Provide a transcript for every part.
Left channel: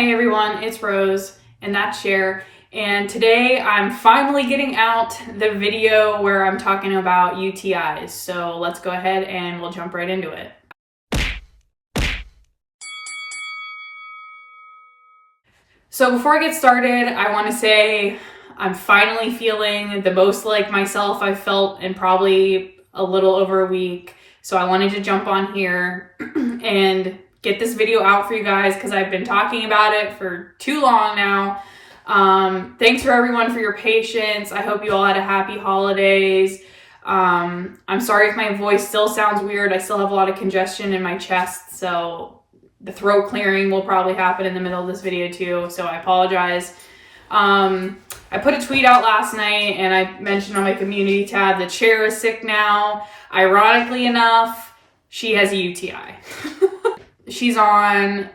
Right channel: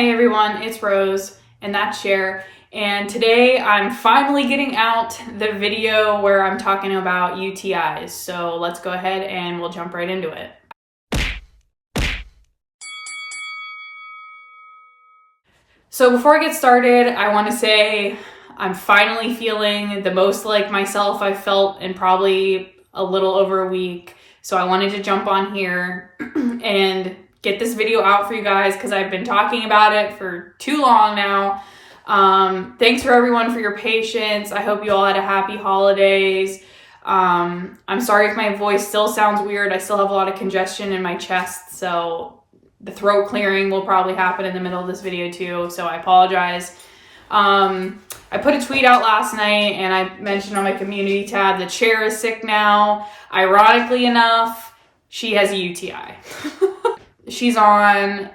Hey everyone, it's Rose, and that's Cher. And today I'm finally getting out the video where I'm talking about UTIs. So let's go ahead and we'll jump right into it. So before I get started, I want to say I'm finally feeling the most like myself I've felt in probably a little over a week. So I wanted to jump on here and get this video out for you guys because I've been talking about it for too long now. Thanks for everyone for your patience. I hope you all had a happy holidays. I'm sorry if my voice still sounds weird. I still have a lot of congestion in my chest, so the throat clearing will probably happen in the middle of this video too, so I apologize. I put a tweet out last night and I mentioned on my community tab that Cher is sick now. Ironically enough, she has a UTI. She's on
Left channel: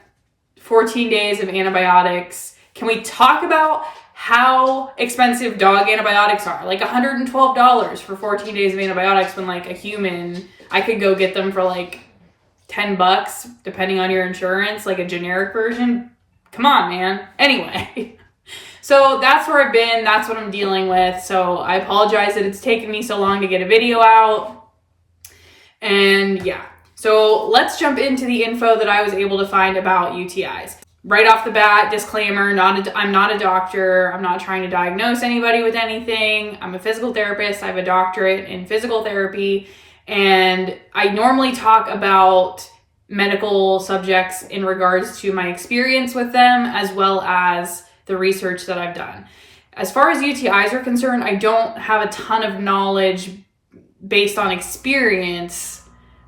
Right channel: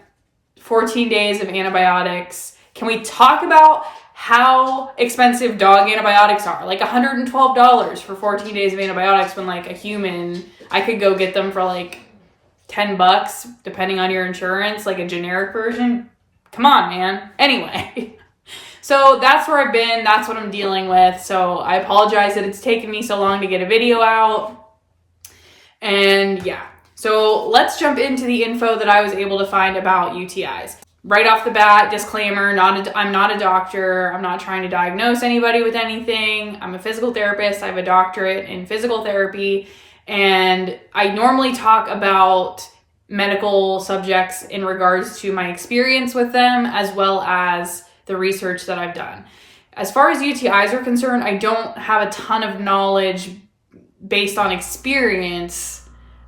14 days of antibiotics. Can we talk about how expensive dog antibiotics are? Like $112 for 14 days of antibiotics when like a human, I could go get them for like $10 depending on your insurance, like a generic version. Come on, man. Anyway, so that's where I've been. That's what I'm dealing with. So I apologize that it's taken me so long to get a video out. And yeah. So let's jump into the info that I was able to find about UTIs. Right off the bat, disclaimer, I'm not a doctor. I'm not trying to diagnose anybody with anything. I'm a physical therapist. I have a doctorate in physical therapy. And I normally talk about medical subjects in regards to my experience with them, as well as the research that I've done. As far as UTIs are concerned, I don't have a ton of knowledge based on experience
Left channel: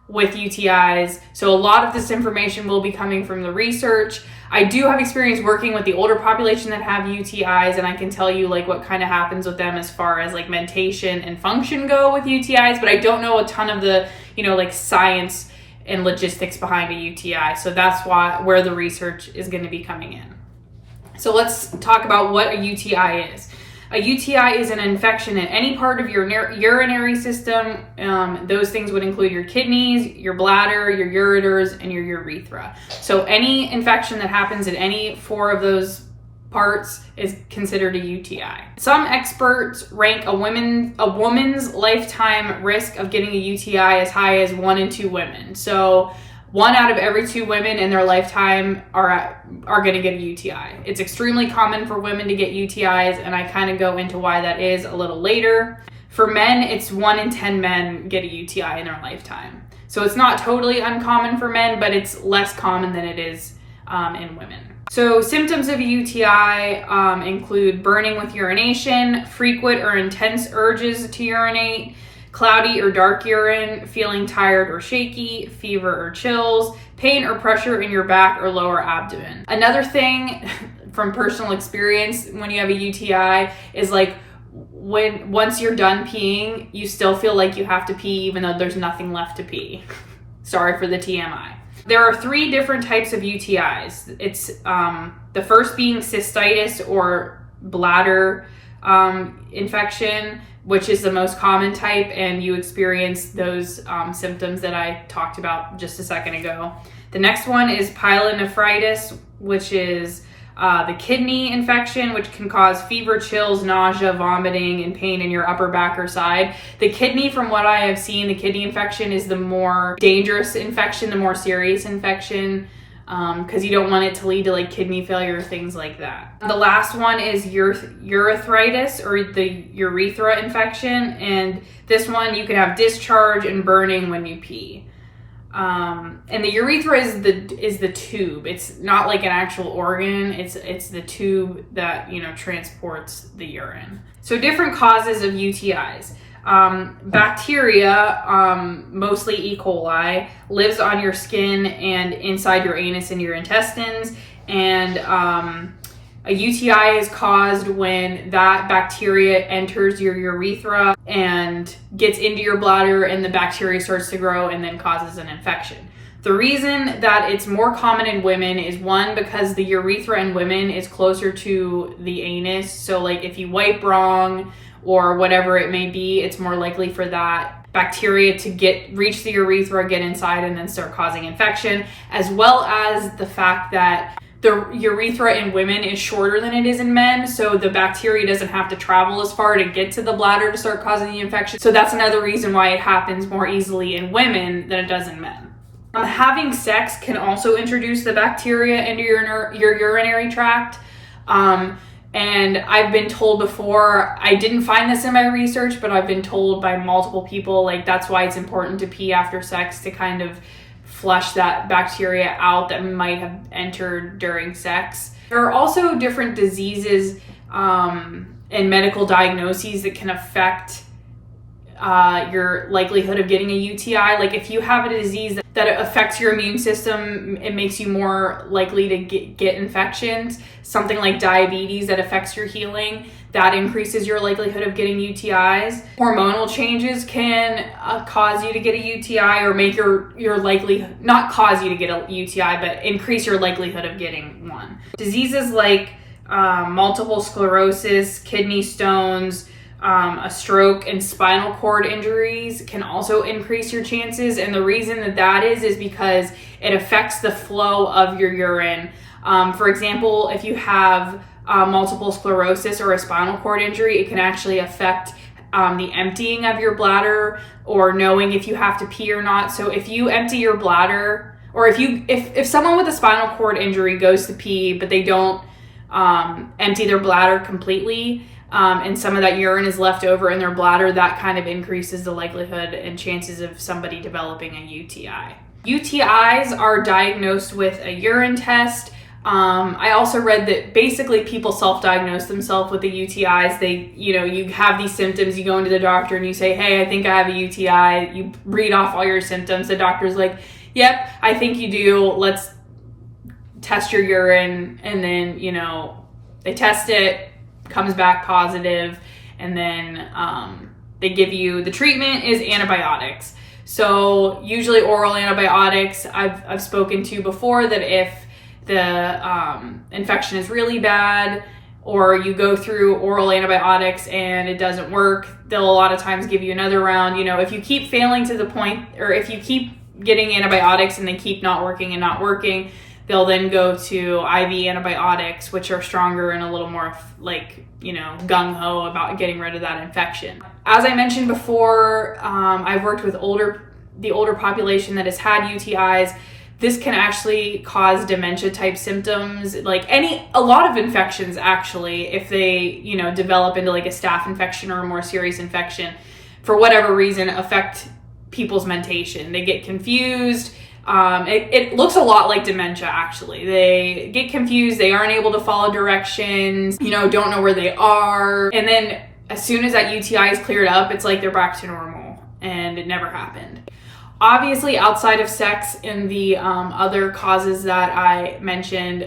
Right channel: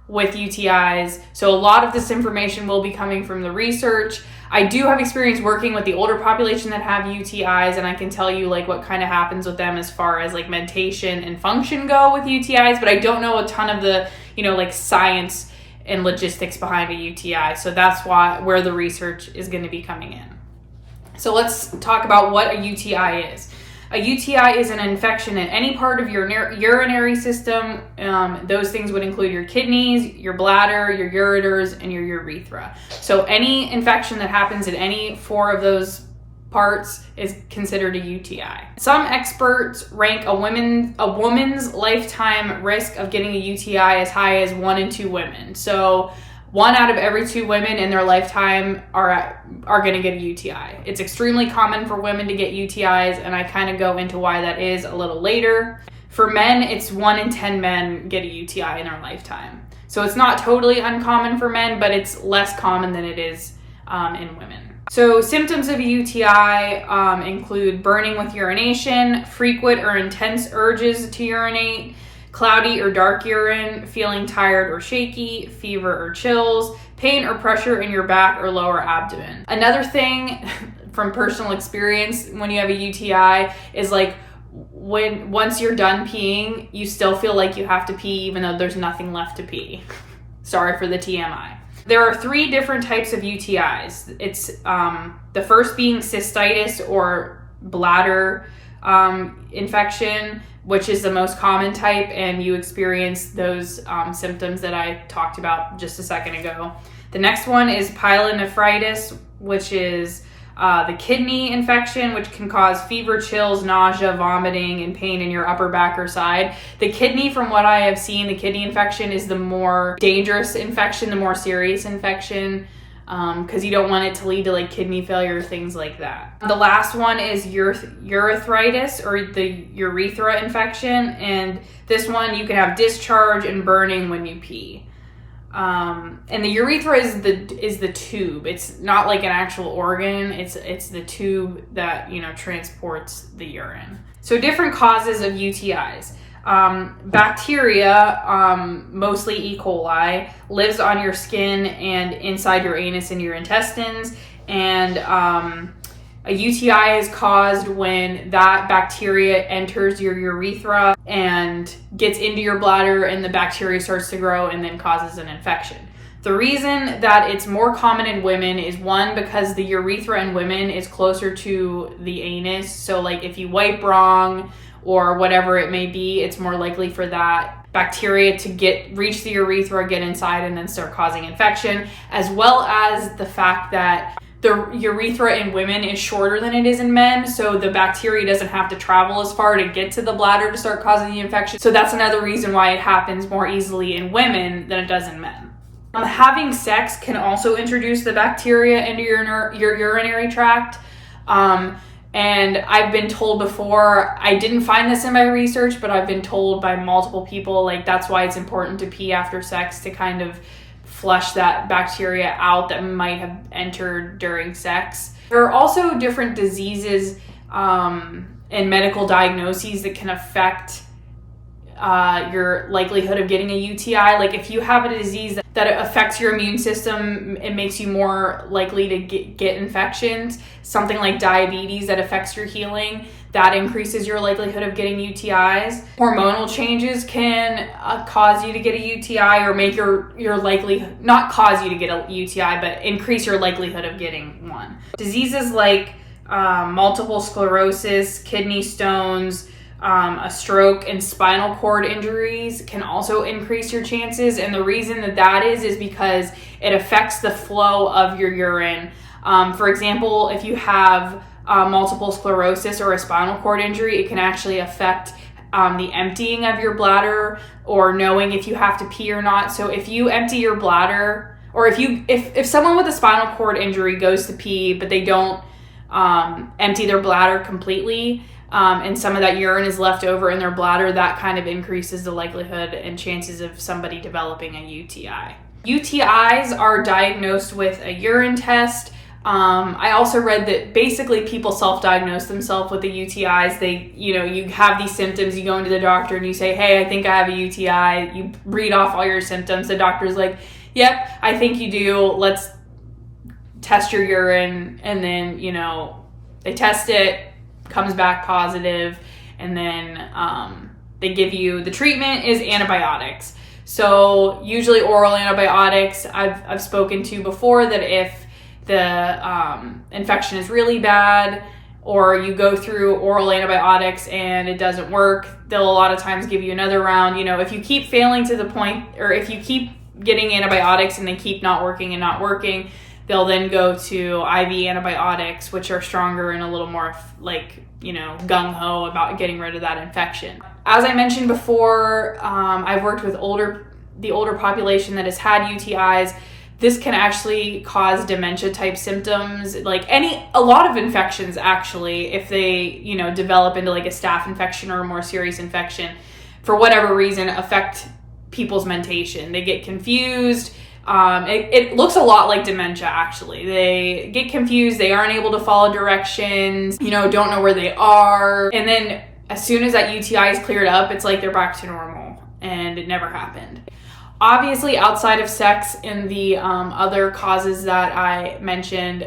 with UTIs. So a lot of this information will be coming from the research. I do have experience working with the older population that have UTIs, and I can tell you like what kind of happens with them as far as like mentation and function go with UTIs, but I don't know a ton of the, like science and logistics behind a UTI. So that's where the research is going to be coming in. So let's talk about what a UTI is. A UTI is an infection in any part of your urinary system. Those things would include your kidneys, your bladder, your ureters, and your urethra. So any infection that happens in any four of those parts is considered a UTI. Some experts rank a woman's lifetime risk of getting a UTI as high as 1 in 2 women. So 1 out of every 2 women in their lifetime are going to get a UTI. It's extremely common for women to get UTIs, and I kind of go into why that is a little later. For men, it's 1 in 10 men get a UTI in their lifetime. So it's not totally uncommon for men, but it's less common than it is in women. So symptoms of a UTI include burning with urination, frequent or intense urges to urinate, cloudy or dark urine, feeling tired or shaky, fever or chills, pain or pressure in your back or lower abdomen. Another thing from personal experience when you have a UTI is like once you're done peeing, you still feel like you have to pee even though there's nothing left to pee. Sorry for the TMI. There are 3 different types of UTIs. It's the first being cystitis or bladder infection, which is the most common type, and you experience those symptoms that I talked about just a second ago. The next one is pyelonephritis, which is the kidney infection, which can cause fever, chills, nausea, vomiting, and pain in your upper back or side. The kidney, from what I have seen, the kidney infection is the more dangerous infection, the more serious infection, because you don't want it to lead to like kidney failure, things like that. The last one is urethritis, or the urethra infection, and this one you can have discharge and burning when you pee. And the urethra is the tube. It's not like an actual organ. It's the tube that transports the urine. So different causes of UTIs. Bacteria, mostly E. coli, lives on your skin and inside your anus and your intestines. And a UTI is caused when that bacteria enters your urethra and gets into your bladder, and the bacteria starts to grow and then causes an infection. The reason that it's more common in women is, one, because the urethra in women is closer to the anus. So like if you wipe wrong or whatever it may be, it's more likely for that bacteria to reach the urethra, get inside, and then start causing infection, as well as the fact that the urethra in women is shorter than it is in men, so the bacteria doesn't have to travel as far to get to the bladder to start causing the infection. So that's another reason why it happens more easily in women than it does in men. Having sex can also introduce the bacteria into your urinary tract. And I've been told before, I didn't find this in my research, but I've been told by multiple people, like, that's why it's important to pee after sex, to kind of flush that bacteria out that might have entered during sex. There are also different diseases and medical diagnoses that can affect your likelihood of getting a UTI. Like, if you have a disease that affects your immune system, it makes you more likely to get infections. Something like diabetes that affects your healing, that increases your likelihood of getting UTIs. Hormonal changes can cause you to get a UTI, or make your likelihood, not cause you to get a UTI, but increase your likelihood of getting one. Diseases like multiple sclerosis, kidney stones, a stroke, and spinal cord injuries can also increase your chances. And the reason that is because it affects the flow of your urine. For example, if you have multiple sclerosis or a spinal cord injury, it can actually affect the emptying of your bladder, or knowing if you have to pee or not. So if you empty your bladder, or if someone with a spinal cord injury goes to pee but they don't empty their bladder completely, and some of that urine is left over in their bladder, that kind of increases the likelihood and chances of somebody developing a UTI. UTIs are diagnosed with a urine test. I also read that basically people self-diagnose themselves with the UTIs. You have these symptoms, you go into the doctor and you say, hey, I think I have a UTI. You read off all your symptoms. The doctor's like, yep, I think you do. Let's test your urine. And then, they test it, comes back positive, and then they give you, the treatment is antibiotics. So usually oral antibiotics. I've spoken to before that if the infection is really bad, or you go through oral antibiotics and it doesn't work, they'll a lot of times give you another round. If you keep failing to the point, or if you keep getting antibiotics and they keep not working, they'll then go to IV antibiotics, which are stronger and a little more gung-ho about getting rid of that infection. As I mentioned before, I've worked with the older population that has had UTIs. This can actually cause dementia type symptoms, a lot of infections actually, if they, develop into like a staph infection or a more serious infection, for whatever reason, affect people's mentation. They get confused. It looks a lot like dementia, actually. They get confused. They aren't able to follow directions, don't know where they are. And then as soon as that UTI is cleared up, it's like they're back to normal, and it never happened. Obviously, outside of sex and the other causes that I mentioned,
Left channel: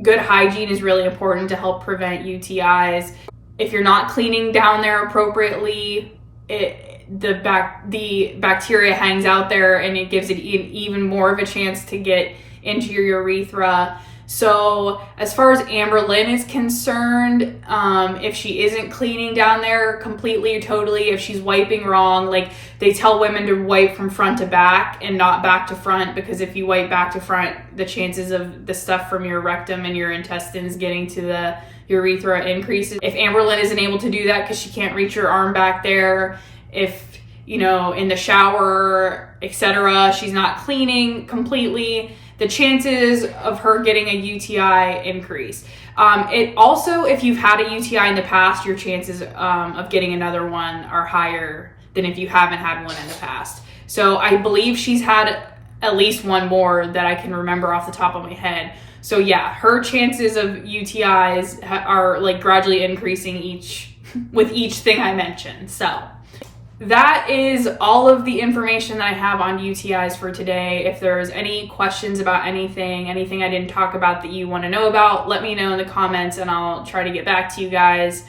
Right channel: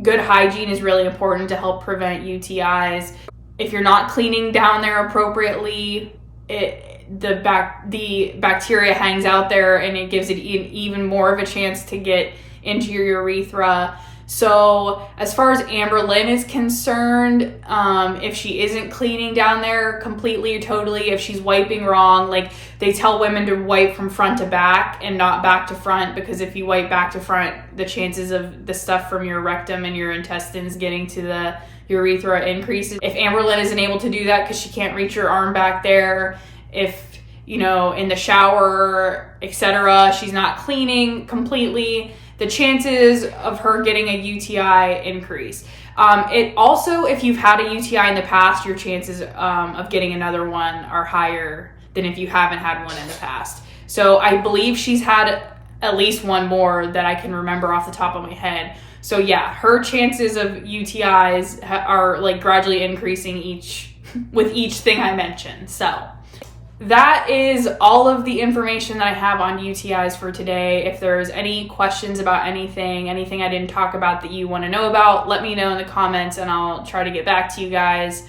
good hygiene is really important to help prevent UTIs. If you're not cleaning down there appropriately, the bacteria hangs out there, and it gives it even more of a chance to get into your urethra. So as far as Amber Lynn is concerned, if she isn't cleaning down there completely or totally, if she's wiping wrong, they tell women to wipe from front to back and not back to front, because if you wipe back to front, the chances of the stuff from your rectum and your intestines getting to the urethra increases. If Amber Lynn isn't able to do that because she can't reach her arm back there, if in the shower, etc., she's not cleaning completely, the chances of her getting a UTI increase. It also, if you've had a UTI in the past, your chances of getting another one are higher than if you haven't had one in the past. So I believe she's had at least one more that I can remember off the top of my head. So yeah, her chances of UTIs are gradually increasing with each thing I mentioned. So that is all of the information that I have on UTIs for today. If there's any questions about anything I didn't talk about that you want to know about, let me know in the comments and I'll try to get back to you guys.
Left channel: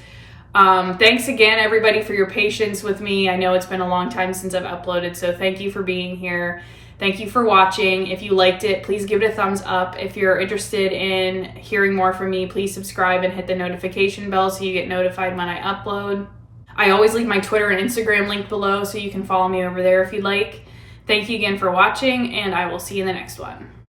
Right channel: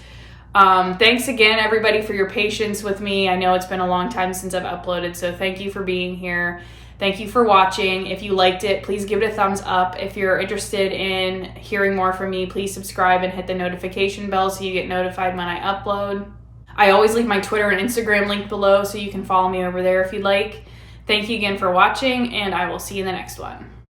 Thanks again, everybody, for your patience with me. I know it's been a long time since I've uploaded, so thank you for being here. Thank you for watching. If you liked it, please give it a thumbs up. If you're interested in hearing more from me, please subscribe and hit the notification bell so you get notified when I upload. I always leave my Twitter and Instagram link below, so you can follow me over there if you'd like. Thank you again for watching, and I will see you in the next one.